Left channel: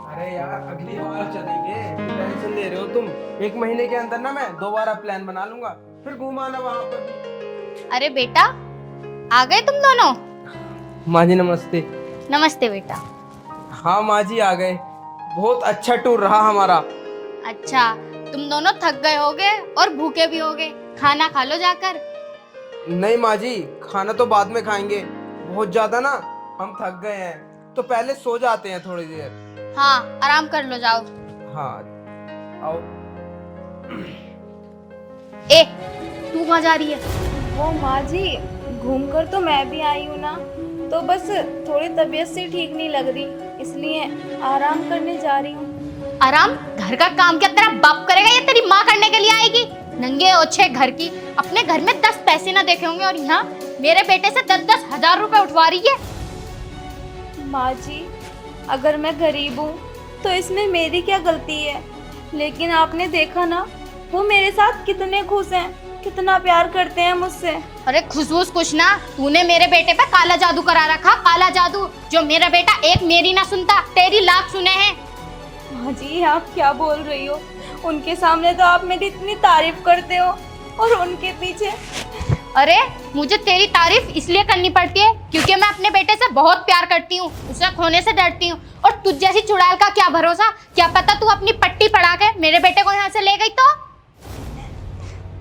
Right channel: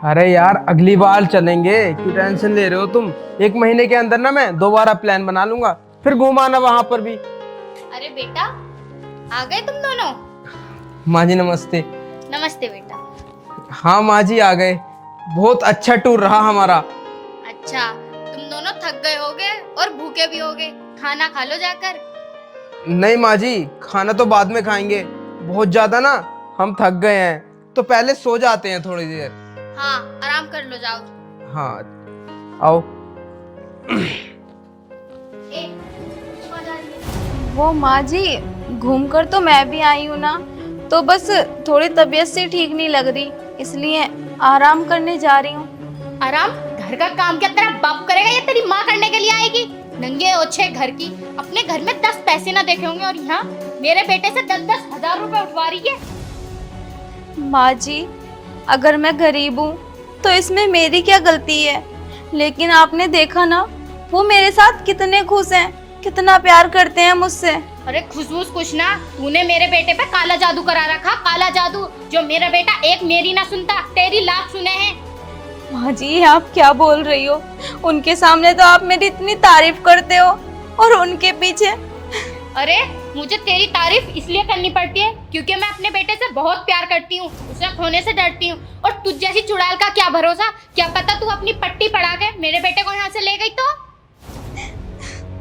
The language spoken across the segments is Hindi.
अरे यार अगली बार चलेंगे, क्यों टेंशन ले रहे हो तुम। एक महीने के अंदर ना मैं दोबारा प्लान बना लूंगा, फिर घुमाना वहां पर भी। अरे बेटा, आ गए तुम दोनों। माँ जी नमस्ते। नमस्ते बेटा। हाँ माँ जी आ गए। बहुत अच्छा टूर रहा हमारा। अच्छा, तुम दोनों थक गए होगे और भूखे भी होगे। खाना खा लो जाकर। नहीं माँ जी, खाना तो बाद में खाएंगे। बहुत ज्यादा ना हम थक गए हैं, तो पहले सो जाते हैं थोड़ी देर। हाँ, आराम कर लो, जाओ। हाँ आओ। ए, तू कहाँ जा रही है? वो माँ जी, घूमकर तो मैं भी आई हूँ ना, तो बस थोड़ी तबीयत से ठीक नहीं लग रही, इसलिए आराम करने जा रही हूँ। आराम? घर का काम क्या तेरा बाप करेगा या तेरी माँ करने के लिए आएगी? नंगे ओछे घर की, अपने घर में 10 पैसे ना देखे होंगे और यहाँ मेरे बेटे से 10-10 हजार रुपए उठवा रही है। माँ जी, अगर मैं गरीब हूँ तो इसमें मेरी क्या गलती है? लेकिन आपने देखा ना, वो मेरे साथ कितने खुश हैं, कितना प्यार करते हैं मुझसे। अरे खुशबूस कुछ ना, तूने मेरे बेटे पे काला जादू करा रखा, काला जादू। जो मेरा बेटा एक मेरी ना सुनता, तेरी लाख सुने हैं। माँ जी, आप क्या बोल रही हो? उनके सामने तो आप मेरी इतनी तारीफ करते हो, और उनके पीछे। अरे मुझे तेरी तारीफ इसलिए करनी पड़ती है क्योंकि मैं अपने बेटे से बहुत प्यार करती हूँ, उसे खोने से डरती हूँ। और तुझ जैसी चुड़ैल का क्या भरोसा, क्या पता तू अपनी पट्टी पड़ा के मेरे बेटे को यहाँ से ले गई तो।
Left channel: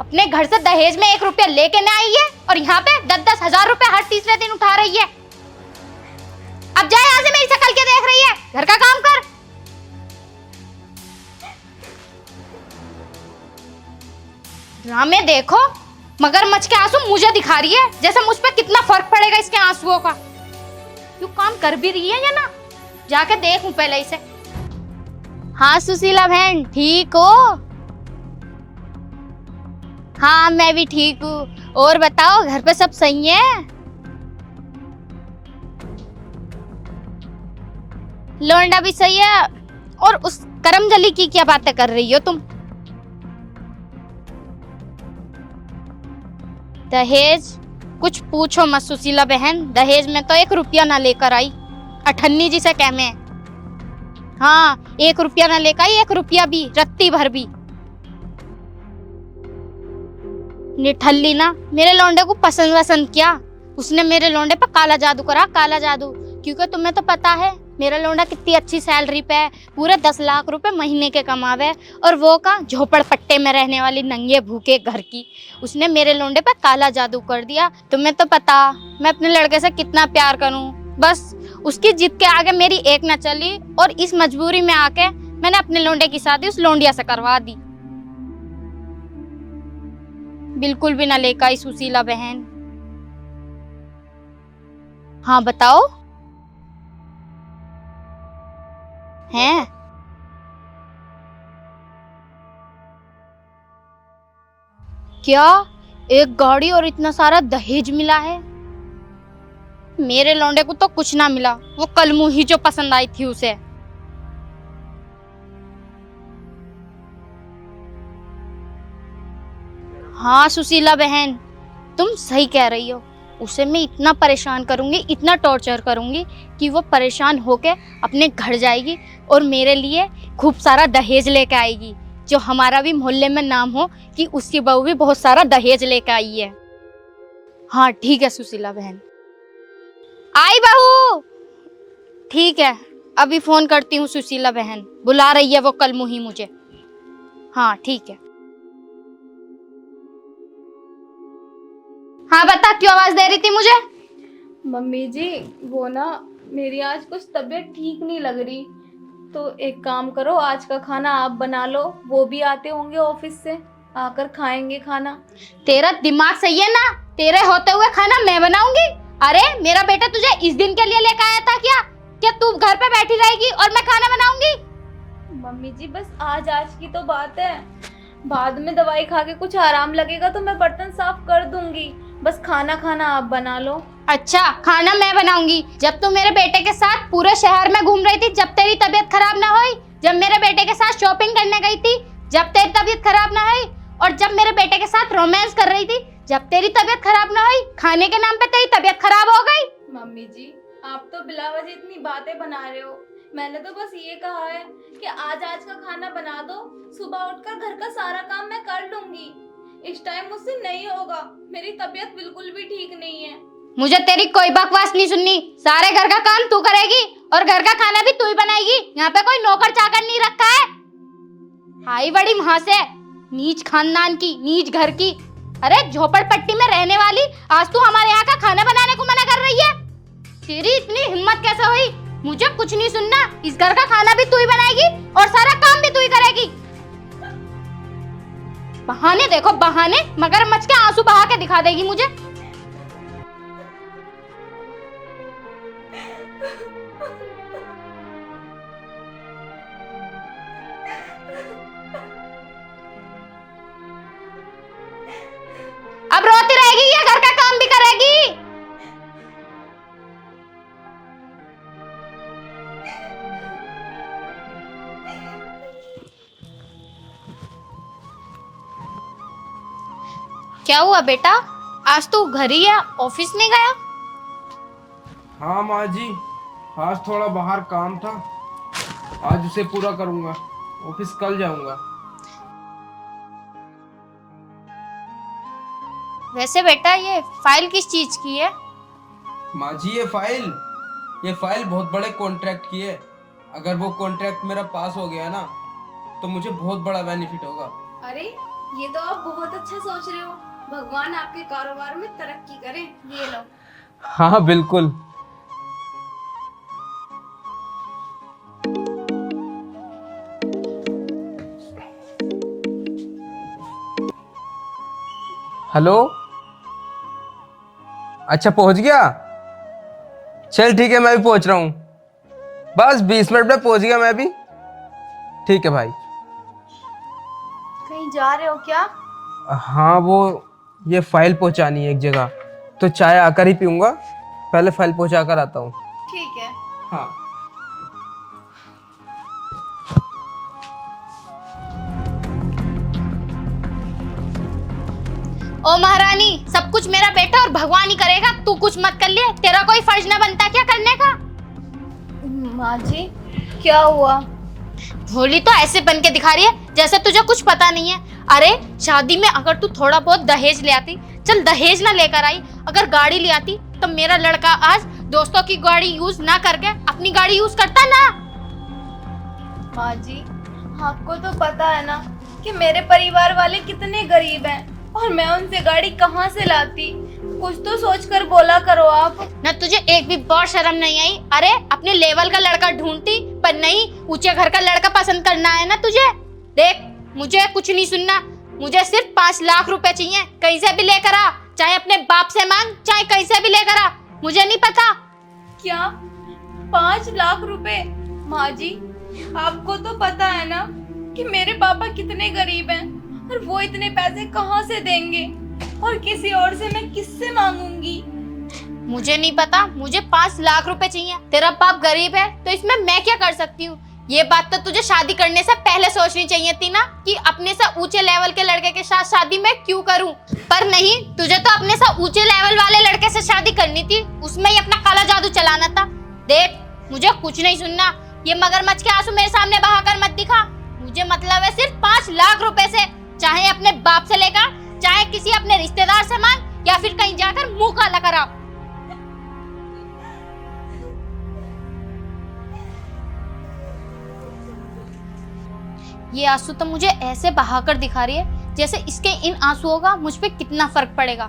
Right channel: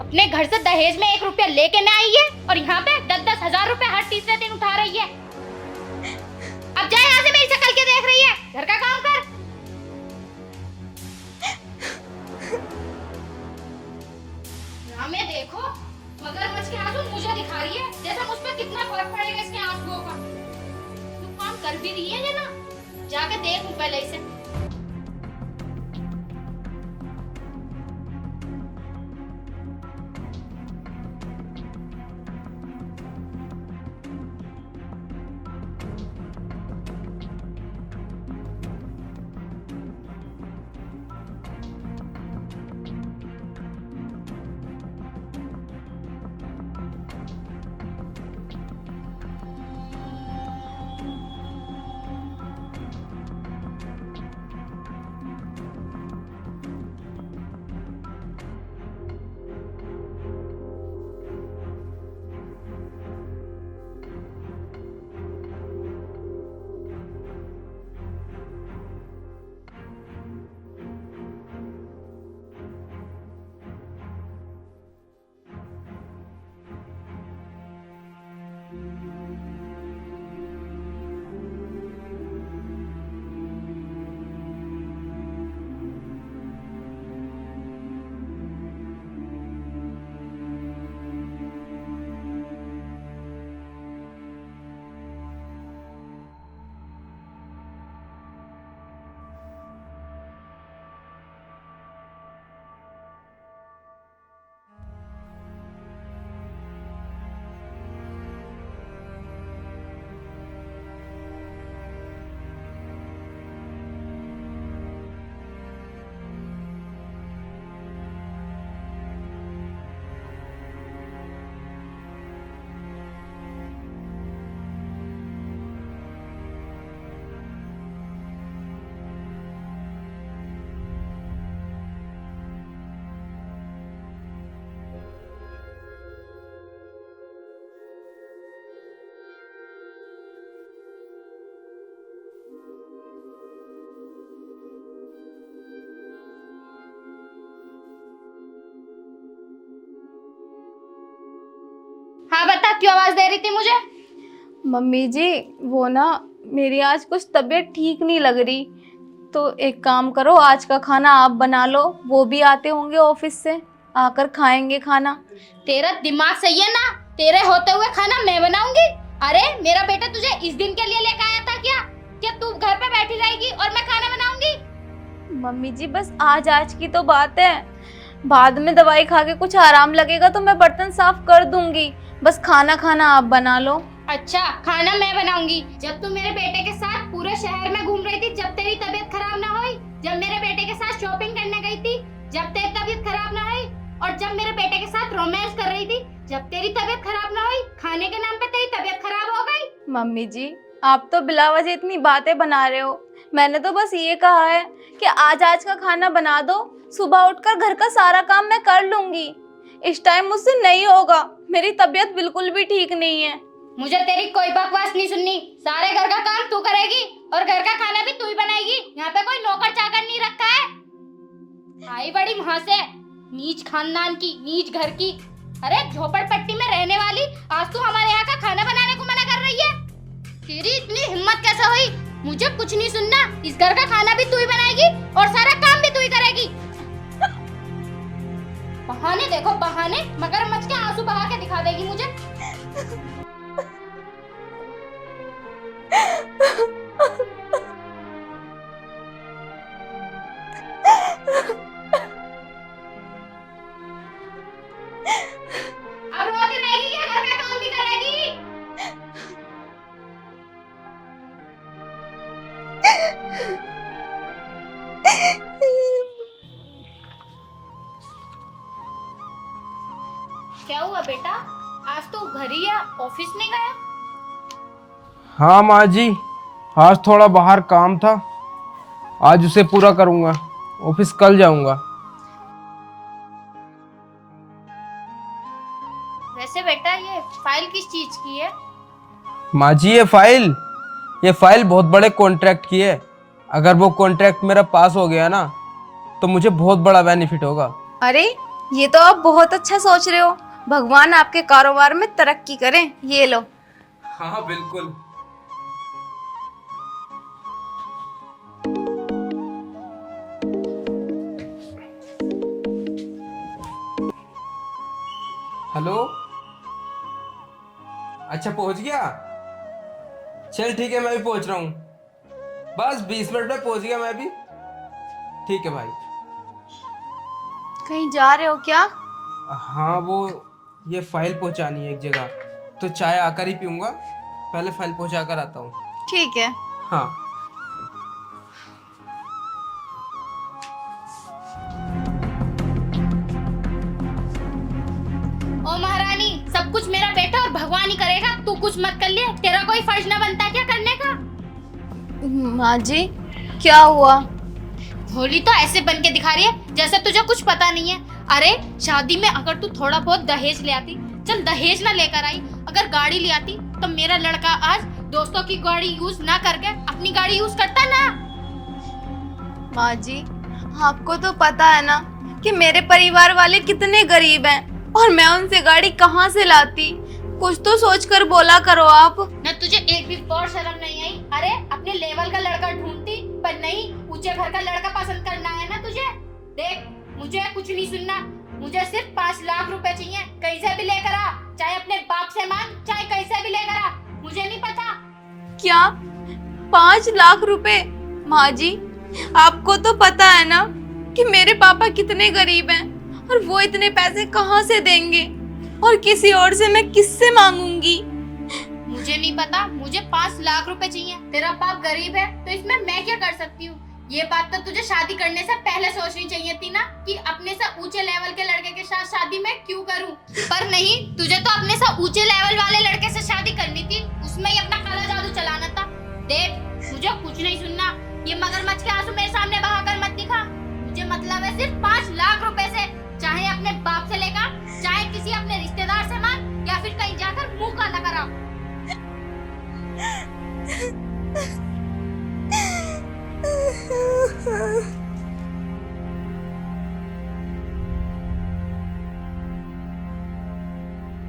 अपने घर से दहेज में 1 रुपया लेके नहीं आई है और यहाँ पे 10-10 हजार रुपए हर तीसरे दिन उठा रही है। अब जाए यहाँ से, मेरी शक्ल क्या देख रही है, घर का काम कर। ड्रामे देखो, मगरमच्छ के आंसू मुझे दिखा रही है, जैसे मुझ पे कितना फर्क पड़ेगा इसके आंसुओं का। तू काम कर भी रही है या ना, जाके देखूं पहले इसे। हाँ सुशीला बहन, ठीक हो? हाँ मैं भी ठीक हूँ। और बताओ, घर पे सब सही है? लोंडा भी सही है। और उस करमजली की क्या बातें कर रही हो तुम? दहेज? कुछ पूछो मत सुशीला बहन, दहेज में तो 1 रुपया ना लेकर आई। अठन्नी जी से कह मैं। हाँ, 1 रुपया ना लेकर आई, 1 रुपया भी, रत्ती भर भी। निठल्ली ना, मेरे लौंडे को पसंद वसंद किया। उसने मेरे लौंडे पर काला जादू करा, काला जादू। क्योंकि तुम्हें तो पता है मेरा लौंडा कितनी अच्छी सैलरी पे है, पूरे 10 लाख रुपए महीने के कमावे। और वो का झोपड़पट्टे में रहने वाली नंगे भूखे घर की, उसने मेरे लौंडे पे काला जादू कर दिया। तुम्हें तो पता मैं अपने लड़के से कितना प्यार करूं, बस उसकी जिद के आगे मेरी एक न चली और इस मजबूरी में आके मैंने अपने लौंडे की शादी उस लौंडिया से करवा दी। बिल्कुल भी ना लेकर आई सुशीला बहन। हाँ बताओ। हैं? क्या एक गाड़ी और इतना सारा दहेज मिला है? मेरे लौंडे को तो कुछ ना मिला, वो कलमू ही जो पसंद आई थी उसे। हाँ सुशीला बहन, तुम सही कह रही हो। उसे मैं इतना परेशान करूंगी, इतना टॉर्चर करूंगी कि वो परेशान होके अपने घर जाएगी और मेरे लिए खूब सारा दहेज लेके आएगी, जो हमारा भी मोहल्ले में नाम हो कि उसकी बहू भी बहुत सारा दहेज लेके आई है। हाँ ठीक है सुशीला बहन। आई बहू। ठीक है, अभी फोन करती हूँ सुशीला बहन, बुला रही है वो कलमुही मुझे। हाँ ठीक है। हाँ बता, क्यों आवाज दे रही थी मुझे? मम्मी जी, वो ना, मेरी आज कुछ तबीयत ठीक नहीं लग रही, तो एक काम करो, आज का खाना आप बना लो, वो भी आते होंगे ऑफिस से, आकर खाएंगे खाना। तेरा दिमाग सही है ना? तेरे होते हुए खाना मैं बनाऊंगी? अरे मेरा बेटा तुझे इस दिन के लिए लेकर आया था क्या? क्या तू घर पे बैठी रहेगी और मैं खाना बनाऊंगी? मम्मी जी, बस आज आज की तो बात है, बाद में दवाई खा के कुछ आराम लगेगा तो मैं बर्तन साफ कर दूंगी, बस खाना खाना आप बना लो। अच्छा, खाना मैं बनाऊंगी? जब तू मेरे बेटे के साथ पूरे शहर में घूम रही थी, जब तेरी तबीयत खराब ना हुई, जब मेरे बेटे के साथ शॉपिंग करने गई थी, जब तेरी तबीयत खराब ना हुई, और जब मेरे बेटे के साथ रोमांस कर रही थी, जब तेरी तबीयत खराब ना हुई, खाने के नाम पे तेरी तबीयत खराब हो गई। मम्मी जी, आप तो बिला वजह इतनी बातें बना रहे हो, मैंने तो बस ये कहा है कि आज का खाना बना दो, सुबह उठकर घर का सारा काम मैं कर लूंगी। इस टाइम मुझसे नहीं होगा, मेरी तबीयत बिल्कुल भी ठीक नहीं है। मुझे तेरी कोई बकवास नहीं सुननी। सारे घर का काम तू करेगी और घर का खाना भी तू ही बनाएगी। यहाँ पे कोई नौकर चाकर नहीं रखा है। आई बड़ी वहां से, नीच खानदान की, नीच घर की। अरे झोपड़पट्टी में रहने वाली आज तू हमारे यहाँ का खाना बनाने को मना कर रही है। तेरी इतनी हिम्मत कैसे हुई? मुझे कुछ नहीं सुनना। इस घर का खाना भी तू ही बनाएगी और सारा काम भी तू ही करेगी। बहाने देखो बहाने, मगरमच्छ के आंसू बहा के दिखा देगी मुझे। अब रोती रहेगी या घर का काम भी करेगी? क्या हुआ बेटा, आज तू घर ही है, ऑफिस नहीं गया? हाँ माँ जी, आज थोड़ा बाहर काम था, आज उसे पूरा करूँगा। ऑफिस कल जाऊँगा। वैसे बेटा ये फाइल किस चीज की है? माँ जी ये फाइल बहुत बड़े कॉन्ट्रैक्ट की है। अगर वो कॉन्ट्रैक्ट मेरा पास हो गया ना तो मुझे बहुत बड़ा बेनिफिट होगा। अरे ये तो आप बहुत अच्छा सोच रहे हो। भगवान आपके कारोबार में तरक्की करें। ये लो। हाँ बिल्कुल। हेलो, अच्छा पहुंच गया? चल ठीक है, मैं भी पहुंच रहा हूँ। बस 20 मिनट में पहुंच गया मैं भी। ठीक है भाई। कहीं जा रहे हो क्या? हाँ वो ये फाइल पहुंचानी है एक जगह, तो चाय आकर ही पीऊंगा। पहले फाइल पहुंचा कर आता हूँ। ठीक है। हाँ। ओ महारानी, सब कुछ मेरा बेटा और भगवान ही करेगा, तू कुछ मत कर ले। तेरा कोई फर्ज ना बनता क्या करने का? माँ जी क्या हुआ? भोली तो ऐसे बन के दिखा रही है जैसे तुझे कुछ पता नहीं है। अरे शादी में अगर तू थोड़ा बहुत दहेज ले आती, चल दहेज ना लेकर आई, अगर गाड़ी ले आती तो मेरा लड़का आज दोस्तों की गाड़ी यूज ना करके अपनी गाड़ी यूज करता ना। माँ जी आपको तो पता है ना कि मेरे परिवार वाले कितने गरीब हैं और मैं उनसे गाड़ी कहाँ से लाती। कुछ तो सोचकर बोला करो आप। ना तुझे एक भी बार शर्म नहीं आई? अरे अपने लेवल का लड़का ढूंढती, पर नहीं, ऊंचे घर का लड़का पसंद करना है ना तुझे। देख मुझे कुछ नहीं सुनना, मुझे सिर्फ 5 लाख रुपए चाहिए। कहीं से भी लेकर आ, चाहे अपने बाप से मांग, चाहे कहीं से भी लेकर आ, मुझे नहीं पता। क्या 5 लाख रुपए? माँ जी आपको तो पता है ना कि मेरे पापा कितने गरीब हैं और वो इतने पैसे कहाँ से देंगे, और किसी और से मैं किससे मांगूंगी? मुझे नहीं पता, मुझे 5 लाख रुपए चाहिए। तेरा बाप गरीब है तो इसमें मैं क्या कर सकती हूँ? ये बात तो तुझे शादी करने से पहले सोचनी चाहिए थी ना कि अपने से ऊंचे लेवल के लड़के के साथ शादी मैं क्यों करूं। पर नहीं, तुझे तो अपने से ऊंचे लेवल वाले लड़के से शादी करनी थी, उसमें ही अपना काला जादू चलाना था। देख मुझे कुछ नहीं सुनना, ये मगरमच्छ के आंसू मेरे सामने बहाकर मत दिखा। मुझे मतलब है सिर्फ 5 लाख रुपए से, चाहे अपने बाप से लेकर, चाहे किसी अपने रिश्तेदार से मांग, या फिर कहीं जाकर मुंह काला करा। ये आंसू तो मुझे ऐसे बहाकर दिखा रही है जैसे इसके इन आंसुओं का मुझ पे कितना फर्क पड़ेगा।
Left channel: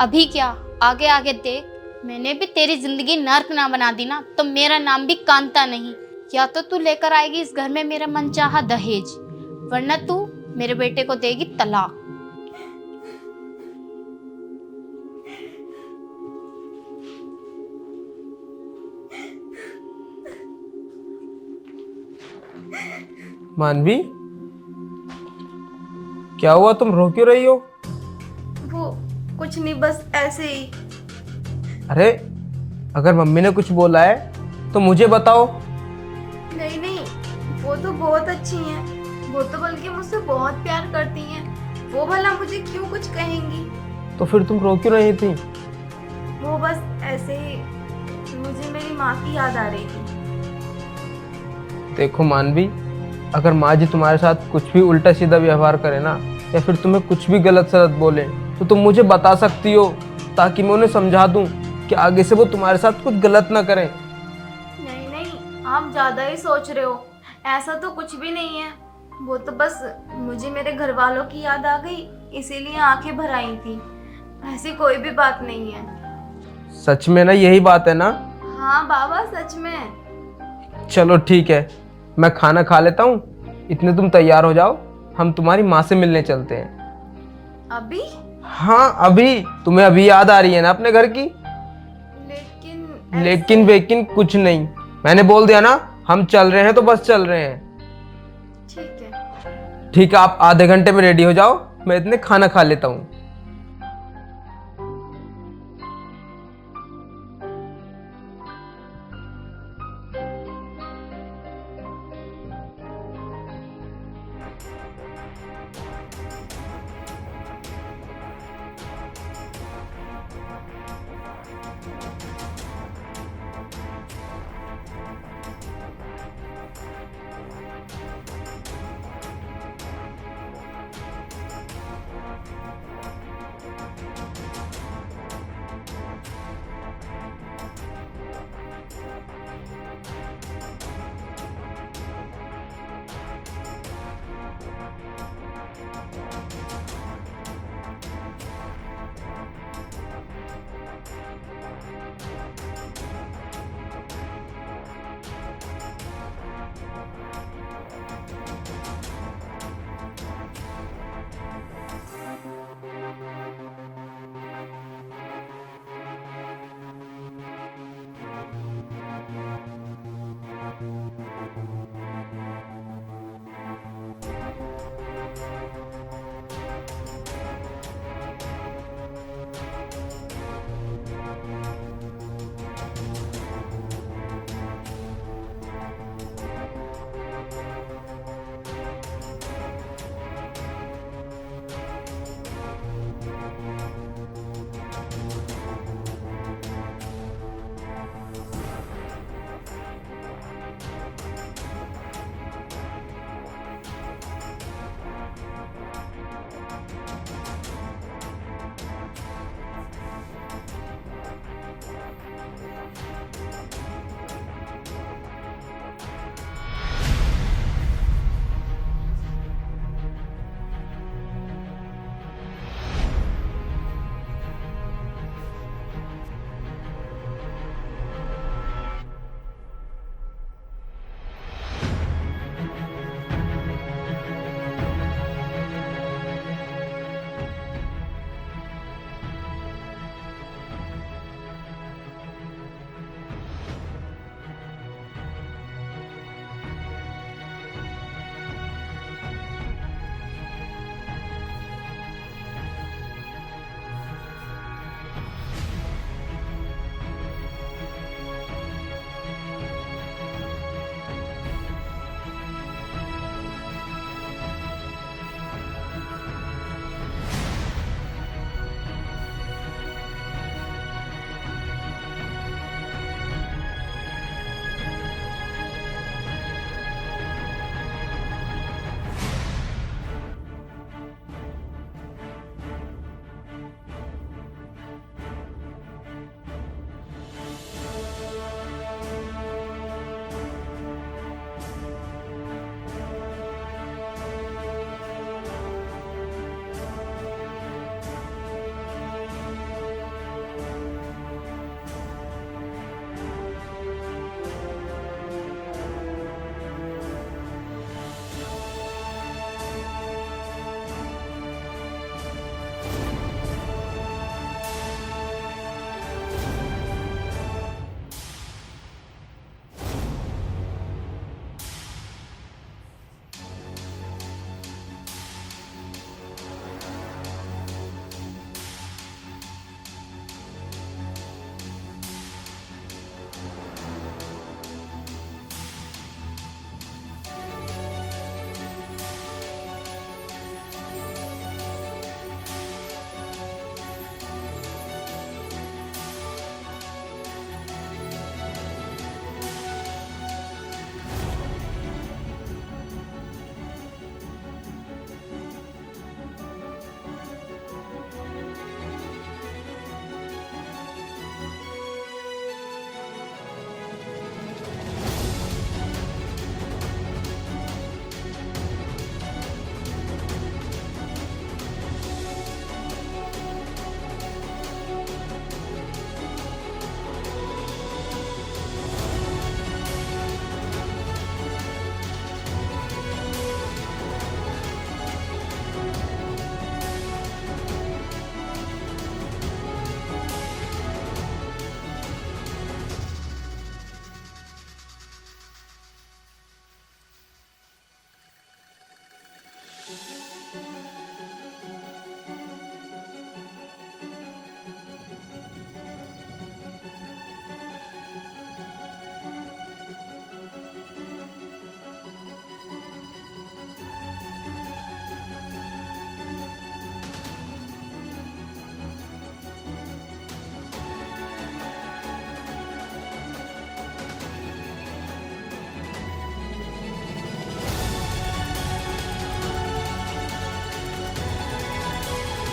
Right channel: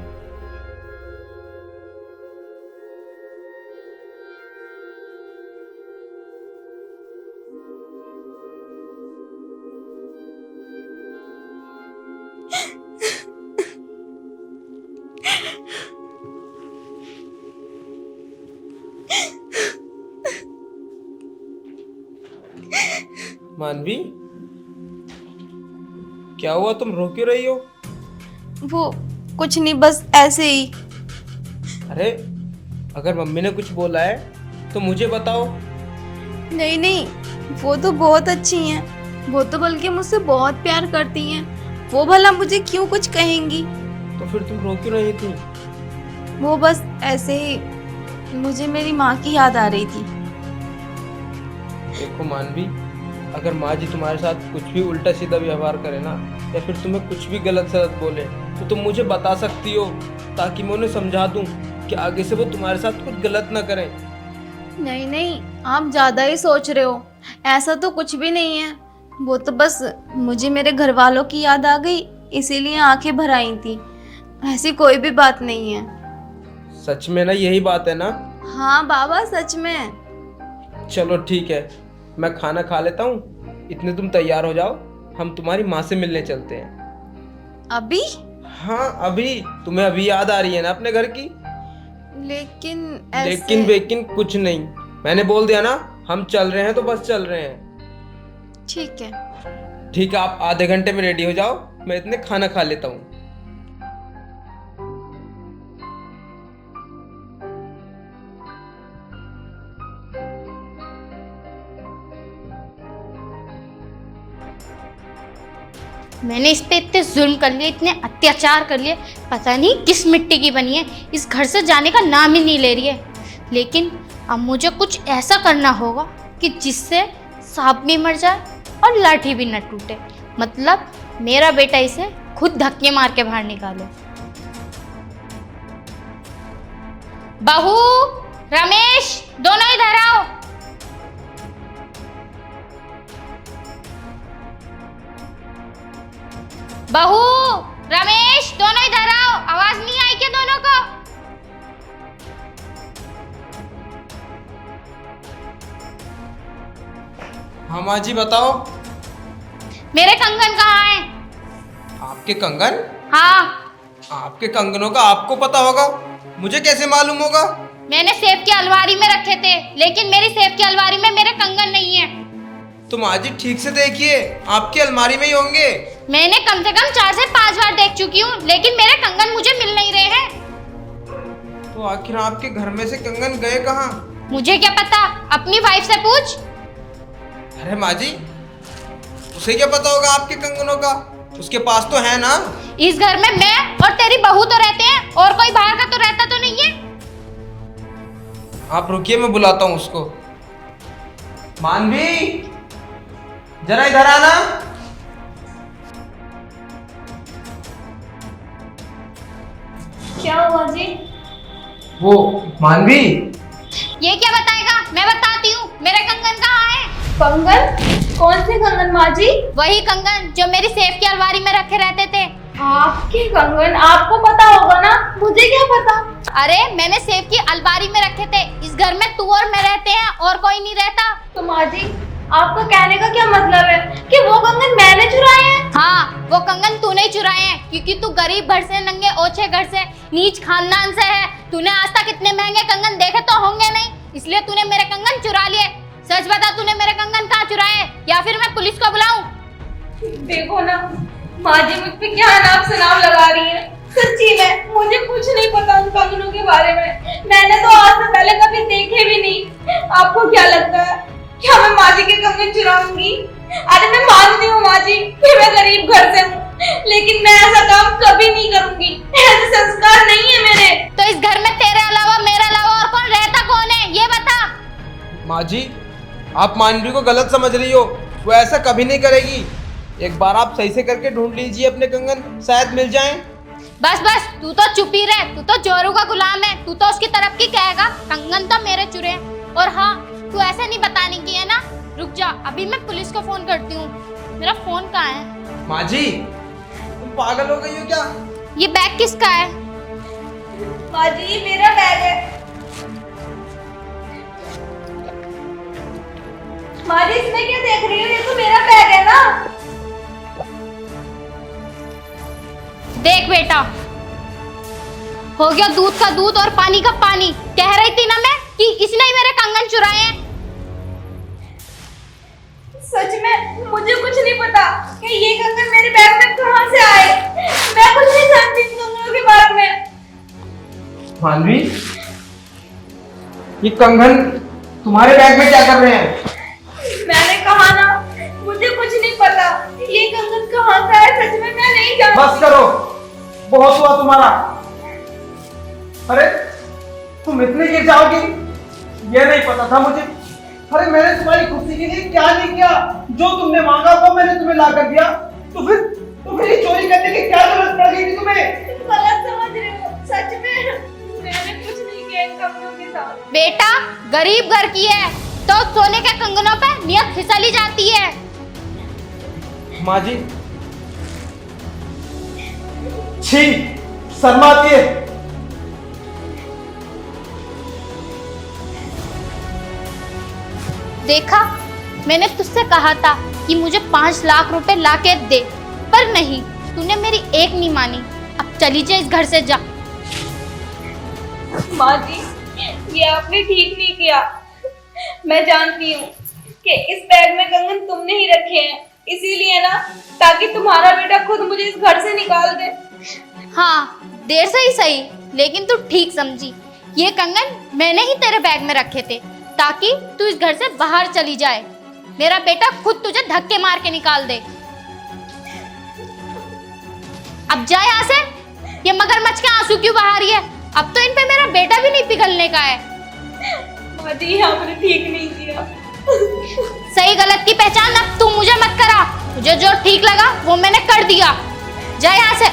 अभी क्या, आगे आगे देख। मैंने भी तेरी जिंदगी नर्क ना बना दी ना तो मेरा नाम भी कांता नहीं। या तो तू लेकर आएगी इस घर में मेरा मनचाहा दहेज, वरना तू मेरे बेटे को देगी तलाक। मानवी क्या हुआ, तुम रो क्यों रही हो? वो कुछ नहीं, बस ऐसे ही। अरे अगर मम्मी ने कुछ बोला है तो मुझे बताओ। नहीं नहीं, वो तो बहुत अच्छी हैं, वो तो बल्कि मुझसे बहुत प्यार करती हैं। वो भला मुझे क्यों कुछ कहेंगी? तो फिर तुम रो क्यों रही थी? वो बस ऐसे ही, मुझे मेरी माँ की याद आ रही थी। देखो मानवी, अगर माँ जी तुम्हारे साथ कुछ भी उल्टा सीधा व्यवहार करे ना, या फिर तुम्हें कुछ भी गलत सलत बोले, तो तुम मुझे बता सकती हो, ताकि मैं उन्हें समझा दूं कि आगे से वो तुम्हारे साथ कुछ गलत ना करें। नहीं नहीं, आप ज़्यादा ही सोच रहे हो। ऐसा तो कुछ भी नहीं है। वो तो बस मुझे मेरे घर वालों की याद आ गई, इसीलिए आंखें भर आई थी। ऐसी कोई भी बात नहीं है। सच में ना यही बात है ना? हाँ बाबा, सच में। चलो ठीक है, मैं खाना खा लेता हूँ, इतने तुम तैयार हो जाओ, हम तुम्हारी माँ से मिलने चलते हैं। अभी? हाँ अभी। तुम्हें अभी याद आ रही है ना अपने घर की? लेकिन वेकिन कुछ नहीं, मैंने बोल दिया ना, हम चल रहे हैं तो बस चल रहे हैं। ठीक है। ठीक है, आप आधे घंटे में रेडी हो जाओ, मैं इतने खाना खा लेता हूँ। मैंने इस पे इतने जुल्म कर लिए, इतने अत्याचार कर लिए, पता नहीं किस मिट्टी की बनी है, इस घर से जाने का नाम ही नहीं ले रही है। लेकिन अब मुझे कुछ ऐसा करना होगा कि जिससे सांप भी मर जाए और लाठी भी न टूटे। मतलब मेरा बेटा इसे खुद धक्के मार के बाहर निकाले। बहू, रमेश, दोनों इधर आओ। बहू, रमेश, दोनों इधर आओ। आवाज नहीं आई क्या दोनों को? हाँ माँ जी बताओ। मेरे कंगन कहाँ हैं? आपके कंगन? हाँ, आपके कंगनों का आपको पता होगा, मुझे कैसे मालूम होगा? मैंने सेफ की अलमारी में रखे थे, लेकिन मेरी सेफ की अलमारी में मेरे कंगन नहीं है। तो माँ जी ठीक से देखिए, आपकी अलमारी में ही होंगे। मैंने कम से कम 4 से 5 बार देख चुकी हूँ, लेकिन मेरे कंगन मुझे मिल नहीं रहे हैं। तो आखिर आपके घर में से कंगन गए कहाँ? मुझे क्या पता, अपनी वाइफ से पूछ। अरे माँ जी, उसे क्या पता होगा आपके कंगनों का? उसके पास तो है ना। इस घर में मैं और तेरी बहू तो रहते हैं, और कोई बाहर का तो रहता तो नहीं है। आप रुकिए, मैं बुलाता हूँ उसको। मानवी, जरा इधर आना। क्या हुआ जी? वो मानवी, ये क्या बताएगा? मैं बताती हूँ, मेरे कंगन कहाँ है? कंगन? कौन से कंगन माँ जी? वही कंगन जो मेरी सेफ की अलमारी में रखे रहते थे। आपके कंगन? आपको पता होगा ना, मुझे क्या पता? अरे मैंने सेफ की अलमारी में रखे थे। इस घर में तू और मैं रहते हैं, और कोई नहीं रहता। तो माँ जी, आपका कहने का क्या मतलब है कि वो कंगन मैंने चुराए हैं? हाँ, वो कंगन तूने ही चुराए हैं, क्योंकि तू गरीब घर से, नंगे ओछे घर से, नीच खानदान से है। तूने आज तक इतने महंगे कंगन देखे तो होंगे नहीं, इसलिए तूने मेरे कंगन चुरा लिए। सच बता, तूने मेरे कंगन कहाँ चुराए, या फिर मैं पुलिस को बुलाऊं? देखो ना माँ जी, मुझ पे क्या नाम सनाम लगा रही है। सच्ची में मुझे कुछ नहीं पता उन कंगनों के बारे में। मैंने तो आज से पहले कभी देखे भी नहीं। आपको क्या लगता है क्या मैं माँ जी के कंगन चुराऊंगी? अरे मैं मानती हूँ माँ जी कि मैं गरीब घर से हूँ, लेकिन मैं ऐसा काम कभी नहीं करूंगी। ऐसे संस्कार नहीं है मेरे। तो इस घर में तेरे अलावा, मेरे अलावा और कौन रहता कौन है, ये बता। माँ जी, आप मानवी को गलत समझ रही हो, वो ऐसा कभी नहीं करेगी। एक बार आप सही से करके ढूंढ लीजिए अपने कंगन, शायद मिल जाएं। बस बस, तू तो चुप ही रह, तू तो जोरू का गुलाम है, तू तो उसकी तरफ की कहेगा। कंगन तो मेरे चुरे हैं। और हाँ, तू ऐसे नहीं बताने की है ना। रुक जा, अभी मैं पुलिस को फोन करती हूँ। मेरा फोन कहाँ है? माँ जी, तुम पागल हो गई हो क्या? ये बैग किसका है? माँ जी, ये मेरा बैग है। माँ जी, इसमें क्या देख रही हो? ये तो मेरा बैग है ना। देख बेटा, हो गया दूध का दूध और पानी का पानी। कह रही थी ना मैं कि इसने ही मेरे कंगन चुराए हैं। सच में मुझे कुछ नहीं पता कि ये कंगन मेरे बैग में कहाँ से आए। मैं कुछ नहीं जानती इन कंगनों के बारे में। मानवी, ये कंगन तुम्हारे बैग में क्या कर रहे हैं? मैंने कहा ना, मुझे कुछ नहीं पता ये कंगन कहाँ से आए। सच में मैं नहीं जानती। बस करो, बहुत हुआ तुम्हारा। अरे तुम इतने गिर जाओगी, ये नहीं पता था मुझे। अरे मैंने तुम्हारी खुशी के लिए क्या नहीं किया? जो तुमने मांगा वो मैंने तुम्हें ला कर दिया। तो फिर ये चोरी करने की क्या जरूरत पड़ गई थी तुम्हें? गलत समझ रहे हो, सच में मैंने कुछ नहीं किया इन कपड़ों के साथ। बेटा गरीब घर की है तो सोने के कंगनों पे नियत फिसली जाती है। माँ जी, छी, शर्म आती है। देखा, मैंने तुझसे कहा था कि मुझे 5 लाख रुपए लाके दे, पर नहीं, तूने मेरी एक नहीं मानी। अब चली जा, इस घर से जा। माँ जी, ये आपने ठीक नहीं किया। मैं जानती हूँ कि इस बैग में कंगन तुमने ही रखे हैं, इसीलिए ना, ताकि तुम्हारा बेटा खुद मुझे इस घर से निकाल दे। हाँ, देर से ही सही, लेकिन तू ठीक समझी। ये कंगन मैंने ही तेरे बैग में रखे थे ताकि तू इस घर से बाहर चली जाए। मेरा बेटा खुद तुझे धक्के मार के निकाल दे। अब जा यहाँ से। ये मगरमच्छ के आंसू क्यों बहा रही है? अब तो इन पे मेरा बेटा भी नहीं पिघलने का है। माँ जी, आपने ठीक नहीं किया। सही गलत की पहचान अब तू मुझे मत करा। मुझे जो ठीक लगा वो मैंने कर दिया। जा यहाँ से।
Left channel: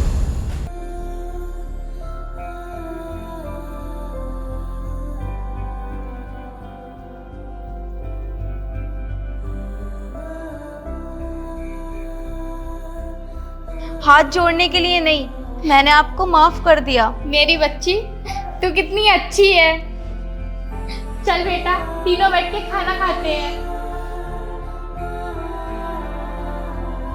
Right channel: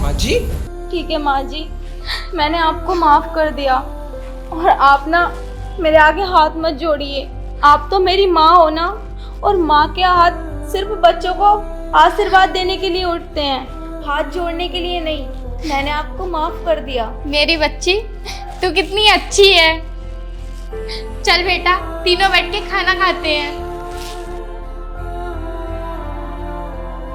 माँ जी, ठीक है माँ जी, मैंने आपको माफ कर दिया। और आप ना मेरे आगे हाथ मत जोड़िए। आप तो मेरी माँ हो ना, और माँ के हाथ सिर्फ बच्चों को आशीर्वाद देने के लिए उठते हैं, हाथ जोड़ने के लिए नहीं। मैंने आपको माफ कर दिया। मेरी बच्ची, तू कितनी अच्छी है। चल बेटा, तीनों बैठ के खाना खाते हैं।